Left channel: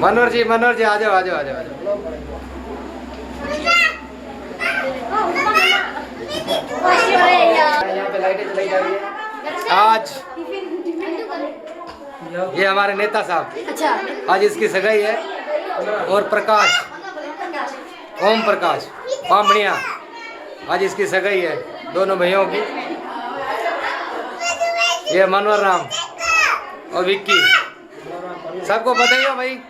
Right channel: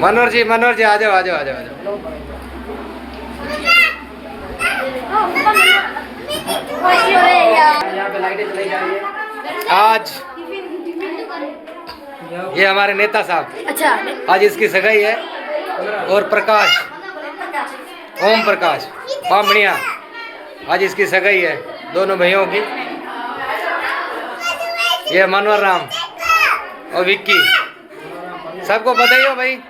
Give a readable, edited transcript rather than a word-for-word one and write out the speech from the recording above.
मनोहर जी आ जाओ आ जाओ आ जाओ आ जाओ। यहाँ पे लाइटें चलाई जा रही है। आज ये हमारे नेता साहब, अच्छा, आज इसकी सगाई है। और प्रकाश, ओम प्रकाश बामणिया, आज इसकी सगाई है दोनों भाइयों की। ये मनोहर राम और विक्की, सबको बताइए भाई।